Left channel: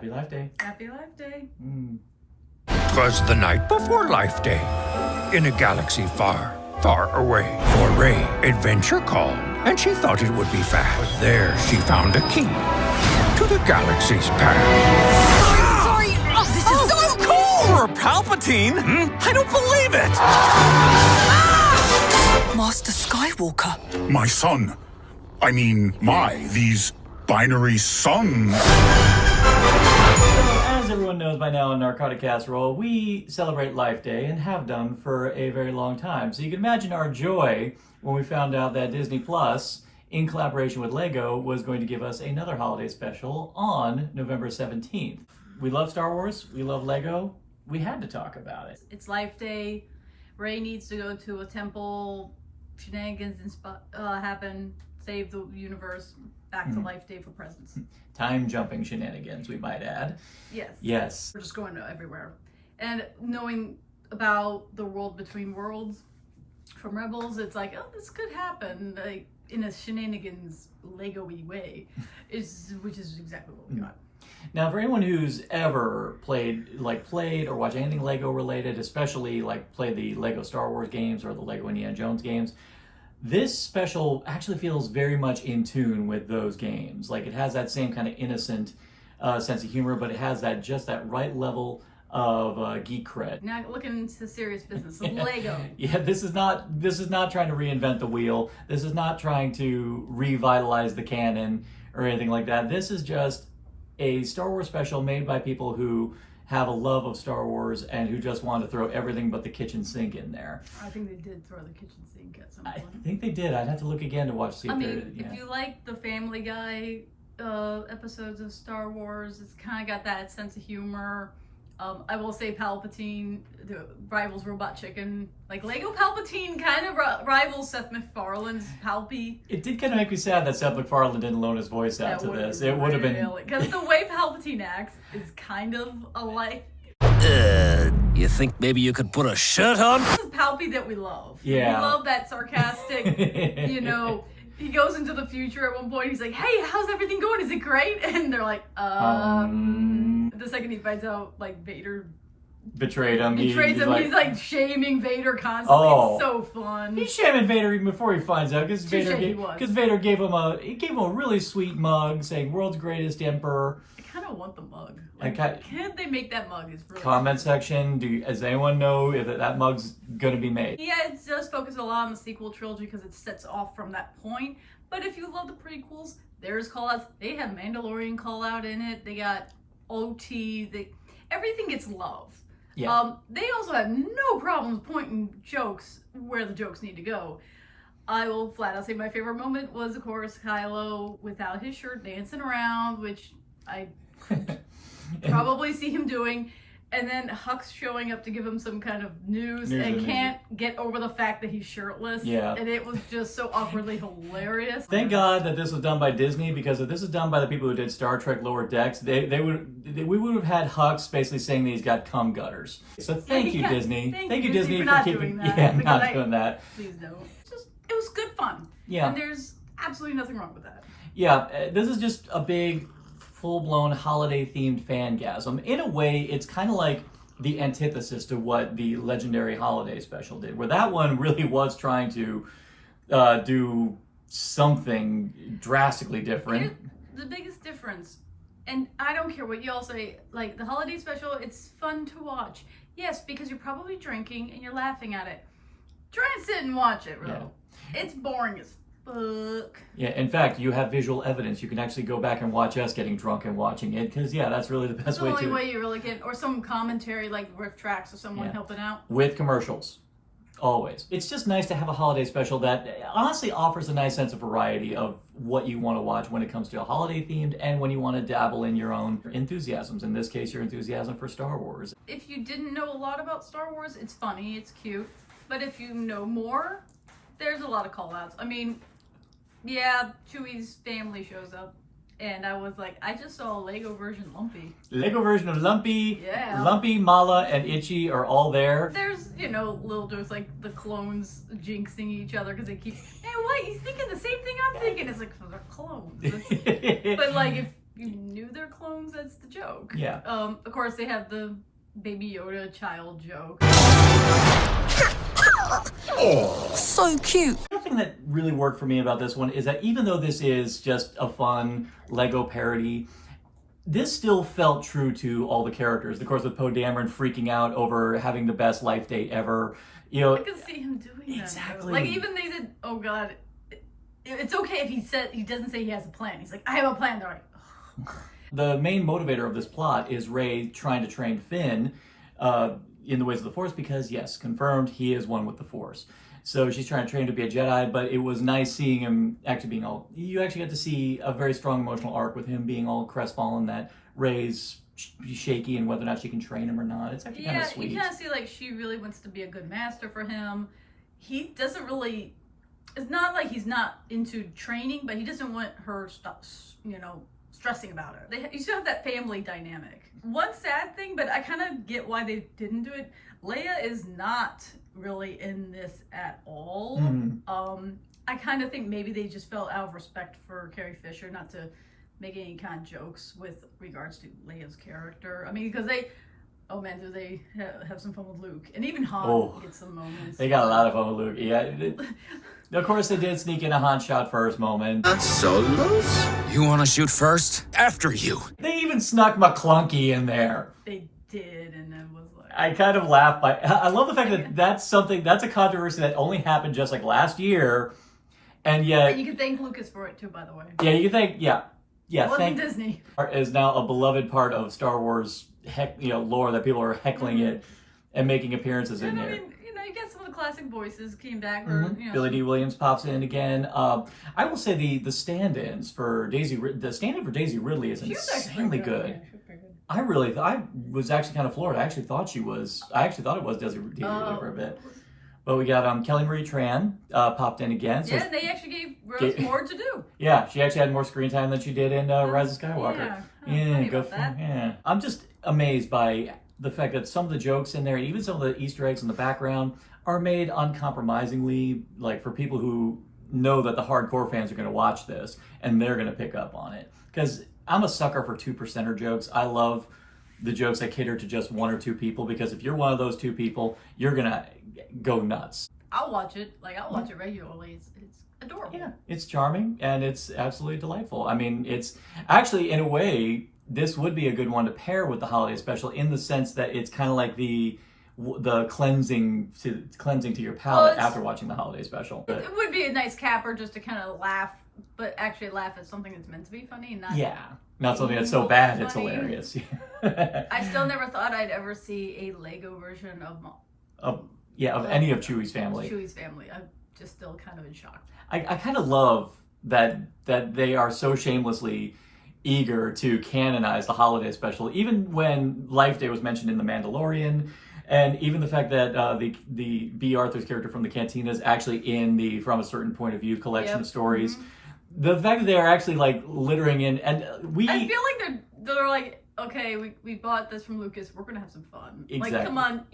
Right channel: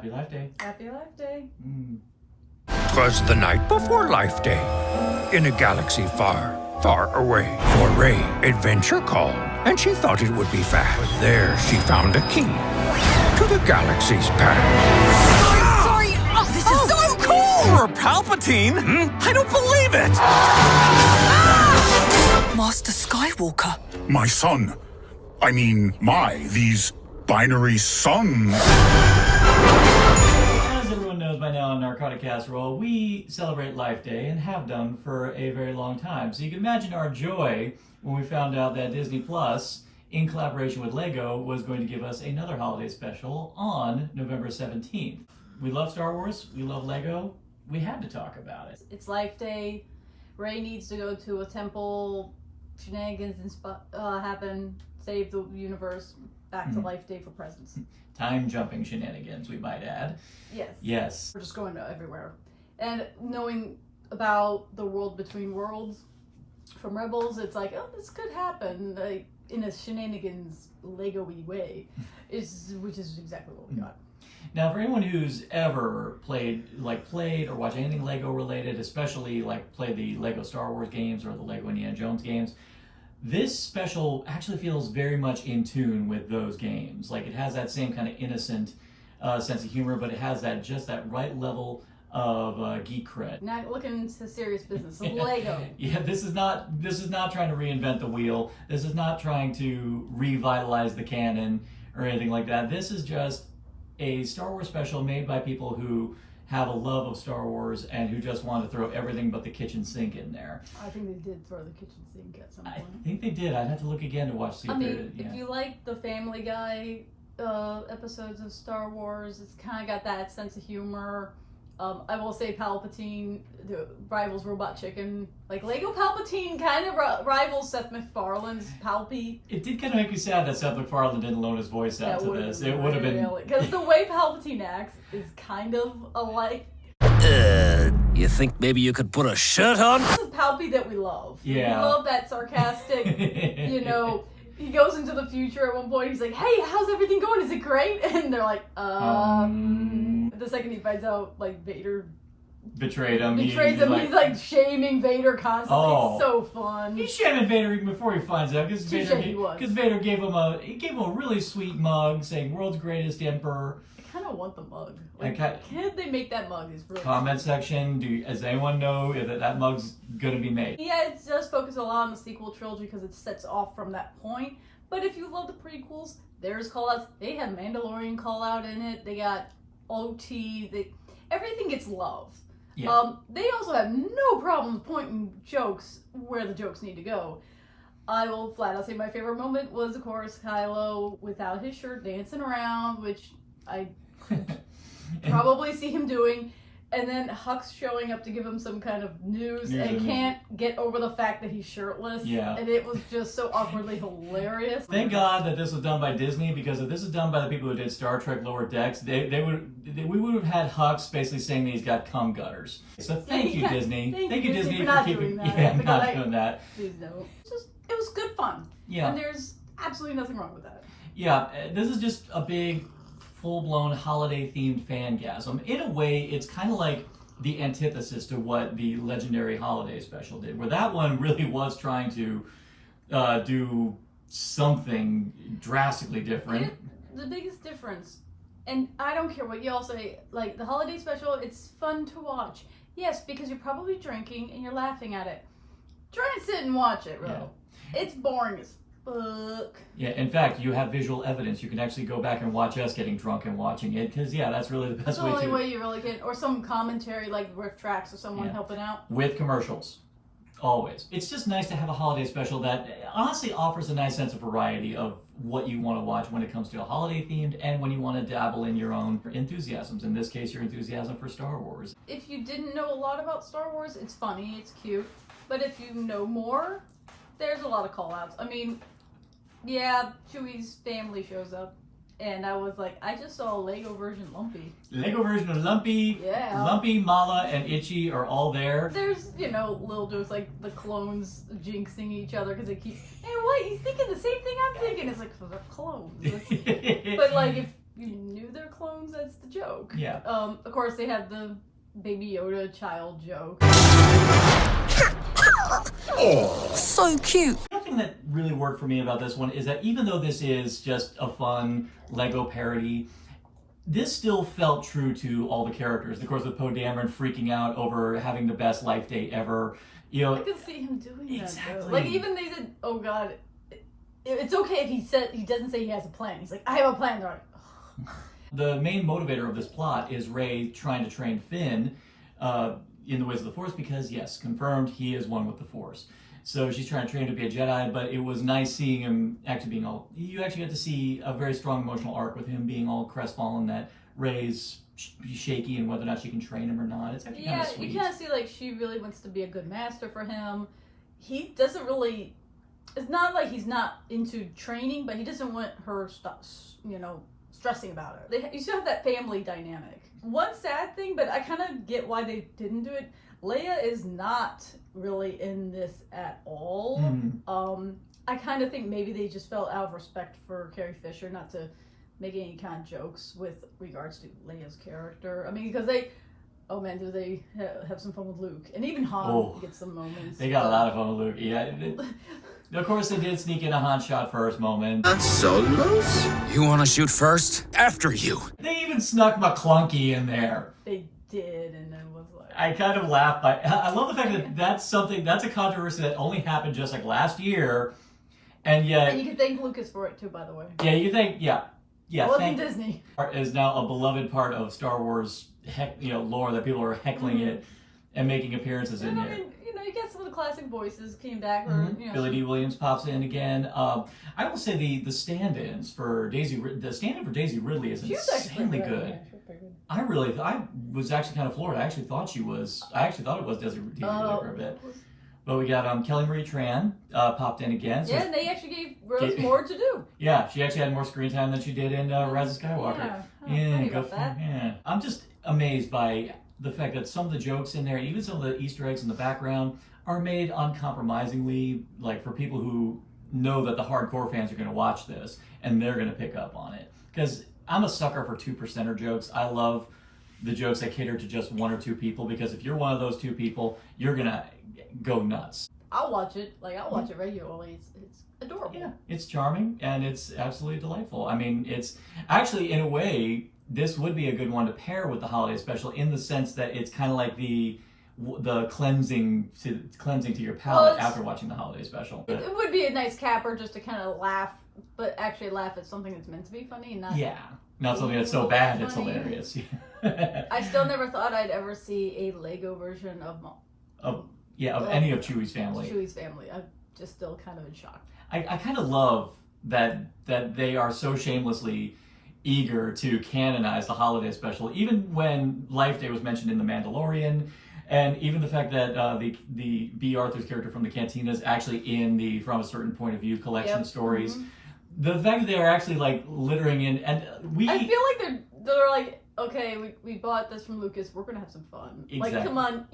Happy Life Day. Happy Life Day. 'Twas the night before Life Day, in a galaxy far, far away. For Ray, adventure called, and she thought it would be fast. But there she found a key to the galaxy's past. Sorry! Oh, this is so cool! You're Palpatine? I don't believe it! Master Skywalker. My son. I mean, these binary sons. As everyone knows by now in Narcotic Casserole, we celebrate Life Day and have done for a very long time. So you can imagine our joy when we found out that Disney Plus, in collaboration with LEGO, was going to give us another holiday special on November 17th. We love Star Wars, we love LEGO, we had to talk about it. It's Life Day. Rey needs to go to a temple. Shenanigans happen. Save the universe. Back to Life Day for presents. Time jumping shenanigans, we might add. Yes. Yes. We're just going to everywhere. And knowing about the world between worlds from Rebels, it's like, oh, this could happen, like in a shenanigans Lego-y way, which is exactly what we got. Now, for anyone who's ever played or watched anything Lego related, especially played the Lego Star Wars games or the Lego Indiana Jones games, this special actually feels very much in tune with those games. Like, it has that same kind of innocent sense of humor, but it has that right level of geek cred. Now looking into serious business, Lego. Yeah, this is not trying to reinvent the wheel. This is not trying to revitalize the canon or anything like that. This is just a Star Wars special made by people who have a love of Star Wars and who just want to throw everything but the kitchen sink in there. I think they did throw the kitchen sink at some point. I think they did. I'd have to look again to watch. If you like the Family Guy episodes of Star Wars, it's kind of got that sense of humor. I will say Palpatine rivals Robot Chicken. Like, Lego Palpatine kind of rivals Seth MacFarlane's Palpy. It did kind of make me sad that Seth MacFarlane didn't loan his voice out to this. It would have been... Because the way Palpatine acts is kind of alike. You think maybe you could put a shirt on? This is Palpy that we love. Yeah. We love that sarcastic, he goes into the future at one point, he's like, hey, how's everything going? Is it great? And they're like, The second he finds out, Vader betrayed him. He's like shaming Vader constantly. Oh. It's so fun. He's shaming Vader even before he finds out, because Vader gave him a really sweet mug saying "World's Greatest Emperor." I kind of want the mug. Can they make that mug? Is really comment section. Does anyone know if that mug's gonna be made? Yeah, it does focus a lot on the sequel trilogy because it sets off from that point. But if you love the prequels, there's callouts. They have Mandalorian callout in it. They got OT. Everything gets love. Yeah. They also have no problems pointing jokes where the jokes need to go. I will flat out say my favorite moment was, of course, Kylo without his shirt dancing around, which I probably see him doing, and then Hux showing up to give him some kind of news and can't get over the fact that he's shirtless. Yeah. And it was just so awkwardly hilarious. Thank God that this was done by Disney, because if this is done by the people who did Star Trek Lower Decks, we would have had Hux basically saying that he's got cum gutters. So thank you, Disney. Thank you, Disney, for keeping doing that. Please don't. It was good fun. Yeah. And there's absolutely nothing wrong with that. Yeah, this is just a big, full-blown holiday-themed fangasm. In a way, it's kind of like the antithesis to what the legendary holiday special did, where that one really was trying to do something drastically different. The biggest difference, and I don't care what y'all say, like the holiday special, it's fun to watch. Yes, because you're probably drinking and you're laughing at it. Try and sit and watch it, bro. Yeah. It's boring as fuck. Yeah, in fact, you have visual evidence. You can actually go back and watch us getting drunk and watching it, because that's really the best way to. The only way you really can, or some commentary like riff tracks or someone helping out. With commercials. Always. It's just nice to have a holiday special that honestly offers a nice sense of variety of what you want to watch when it comes to a holiday themed and when you want to dabble in your own enthusiasms. In this case, your enthusiasm for Star Wars. If you didn't know a lot about Star Wars, it's funny, it's cute. But if you know more, there's a lot of call-outs. I mean, yeah, Chewie's family shows up. And I was like, I just saw a Lego version of Lumpy. Lego version of Lumpy. Yeah. Lumpy, Mala, and Itchy are all there. There's, little jokes like the clones jinxing each other because they keep, man, what? You thinking the same thing I'm thinking? It's like, they're clones. But like, if you knew they're clones, that's the joke. Yeah. Of course, they have the Baby Yoda child joke. So cute. The thing that really worked for me about this one is that even though this is just a fun Lego parody, this still felt true to all the characters. Of course, with Poe Dameron freaking out over having the best life day ever. You know, I can see him doing that. Exactly. Though. Like even they said, "Oh God, it's okay if he doesn't say he has a plan." He's like, "I have a plan." They're like, "Ugh." The main motivator of this plot is Rey trying to train Finn in the ways of the Force because, yes, confirmed, he is one with the Force. So she's trying to train to be a Jedi, but it was nice seeing him actually being all... You actually got to see a very strong emotional arc with him being all crestfallen that Rey's shaky and whether or not she can train him or not. It's actually kind of sweet. You kind of see like she really wants to be a good master for him. He doesn't really... It's not like he's not into training, but he doesn't want her stressing about it. You still have that family dynamic. One sad thing, but I kind of get why they didn't do it. Leia is not really in this at all. I kind of think maybe they just felt out of respect for Carrie Fisher not to make any kind of jokes with regards to Leia's character. I mean, because oh man, do they have some fun with Luke. And even Han gets some moments. They got a lot of fun with Luke. Yeah. Of course, they did sneak in a Han shot first moment. Solos? You want to shoot first? After you. They even snuck McClunky in there. They did, and I was like... I kind of laughed I love the fact that that's a controversy that only happened just like last year, and yet... And you can thank Lucas for it too, by the way. Yeah, you think, yeah. It wasn't Disney. Is now a beloved part of Star Wars lore that people are heckling it and making appearances in there. I mean, you get some of the classic voices came back. Billy D. Williams pops in again. I will say the stand-ins for Daisy Ridley is insanely good. I was actually kind of floored. I actually thought it was Daisy Ridley for a bit. But we got Kelly Marie Tran popped in again. So and they actually gave Rose more to do. Yeah, she actually had more screen time than she did in Rise of Skywalker. Yeah. I'm just amazed by the fact that some of the jokes in there, even some of the Easter eggs in the background, are made uncompromisingly, like for people who know that the hardcore fans are going to watch this and they're going to pick up on it. Because I'm a sucker for 2%er jokes. I love the jokes that cater to just one or two people, because if you're one of those two people, you're going to go nuts. I'll watch it. I'll watch it regularly. It's adorable. Yeah, it's charming and it's absolutely delightful. I mean, it's actually, in a way, this would be a good one to pair with the holiday special in the sense that it's kind of like the cleansing to your palate after watching the holiday special. But, it would be a nice capper just to kind of laugh, but actually laugh at something that's meant to be funny and not something that's so bad it's funny. hilarious. I still never thought I'd ever see a Lego version of any of Chewie's family. I'm just still kind of in shock. I kind of love that they are so shamelessly eager to canonize the holiday special, even when Life Day was mentioned in The Mandalorian, and even the fact that the B. Arthur's character from the Cantina is actually in the From a Certain Point of View collection of stories. The fact that they are actually like littering in, and I feel like they're like, okay, we bought this from Lucas, we're gonna have some fun. Exactly. Like, come on,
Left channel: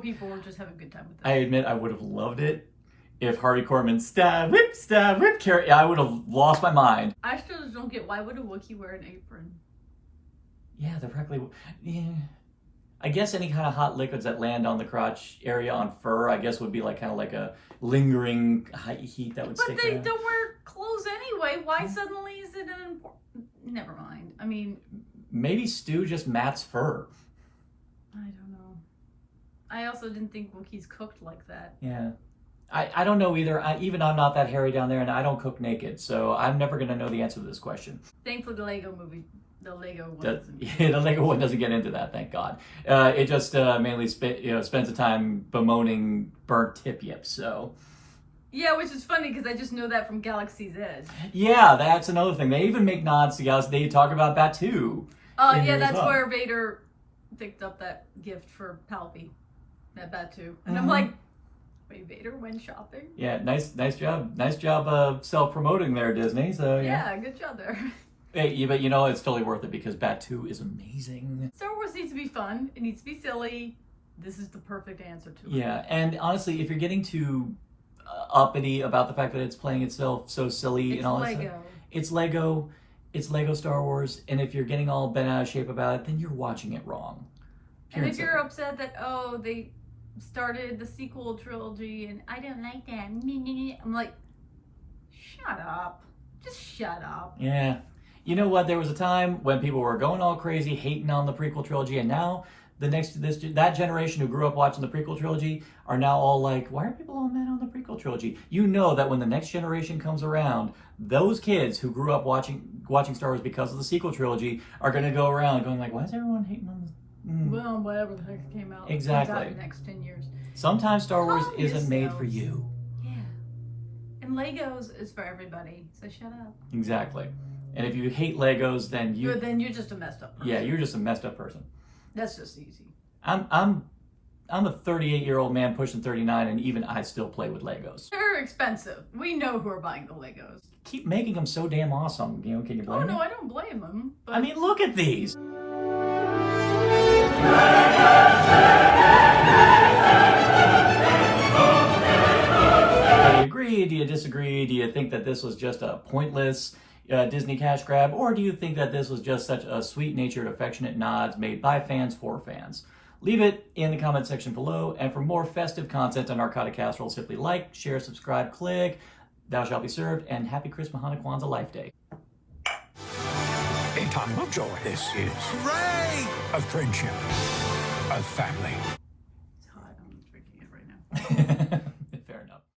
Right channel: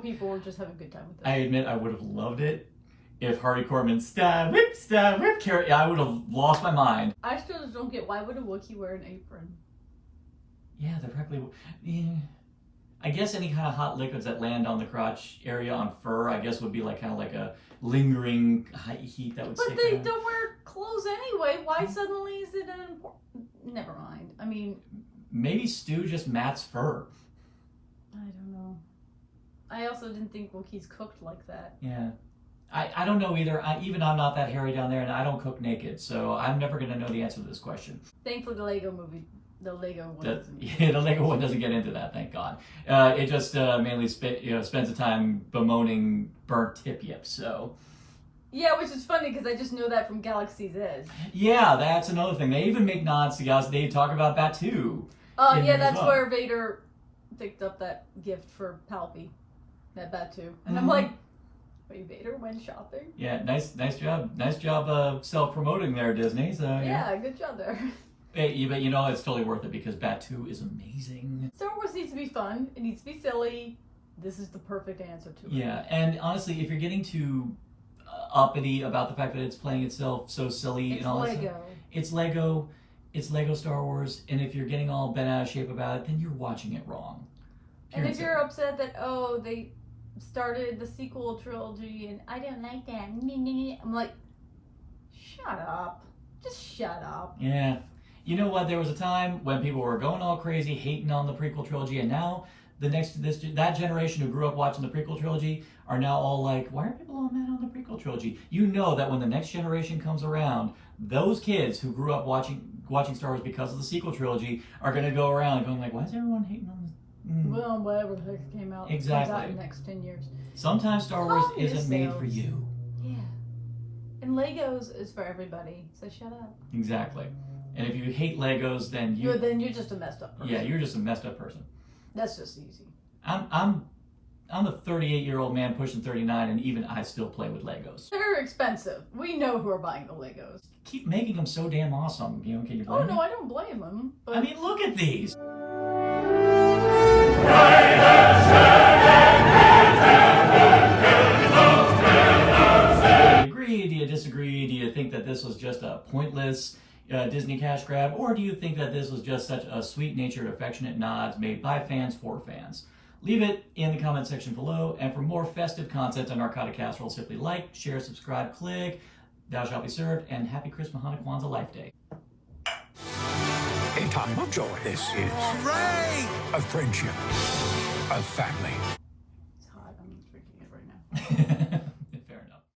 people will just have a good time with this. I admit I would have loved it if Hardy Korman stab, whip, carry. I would have lost my mind. I still just don't get, why would a Wookiee wear an apron? Yeah, they're practically. Yeah. I guess any kind of hot liquids that land on the crotch area on fur, I guess, would be like kind of like a lingering high heat that would stick. But they don't wear clothes anyway. Why suddenly is it an important? Never mind. I mean, maybe Stu just mats fur. I don't know. I also didn't think Wookiees cooked like that. Yeah. I don't know either. I'm not that hairy down there, and I don't cook naked, so I'm never going to know the answer to this question. Thankfully, the Lego one doesn't get into that, thank God. It just mainly spends the time bemoaning burnt tip yips, so... Yeah, which is funny, because I just know that from Galaxy's Edge. Yeah, that's another thing. They even make nods to Galaxy. They talk about Batuu. Yeah, that's where Vader picked up that gift for Palpy, that Batuu. And I'm like, wait, Vader went shopping? Yeah, nice job of self-promoting there, Disney. So yeah, good job there. Hey, but it's totally worth it because Batuu is amazing. Star Wars needs to be fun. It needs to be silly. This is the perfect answer to it. Yeah, and honestly, if you're getting too uppity about the fact that it's playing itself so silly and all that stuff, it's Lego. it's Lego Star Wars, and if you're getting all bent out of shape about it, then you're watching it wrong. And if you're upset that, oh, they started the sequel trilogy and I don't like that, I'm like, shut up. Just shut up. Yeah. You know what? There was a time when people were going all crazy, hating on the prequel trilogy, and now that generation who grew up watching the prequel trilogy are now all like, why are people all mad on the prequel trilogy? You know that when the next generation comes around, those kids who grew up watching Star Wars because of the sequel trilogy are going to go around going like, why is everyone hating on this? Well, whatever the heck came out. Exactly. Comes out in the next 10 years. Sometimes Star Wars Calm isn't made for yourselves. you. Yeah. And Legos is for everybody, so shut up. Exactly. And if you hate Legos, then Then you're just a messed up person. yeah, you're just a messed up person. That's just easy. I'm a 38-year-old man pushing 39, and even I still play with Legos. They're expensive. We know who are buying the Legos. Keep making them so damn awesome. You know, can you blame Oh, me? no, I don't blame them. But I mean, look at these. Do you agree? Do you disagree? Do you think that this was just a pointless Disney cash grab? Or do you think that this was just such a sweet-natured, affectionate nods made by fans for fans? Leave it in the comment section below. And for more festive content on Narcotic Casserole, simply like, share, subscribe, click. Thou shalt be served. And happy Christmas, Hanukkah, Kwanzaa, Life Day. A time of joy. This is Hooray! of friendship, of family. it's hot. I'm drinking it right now.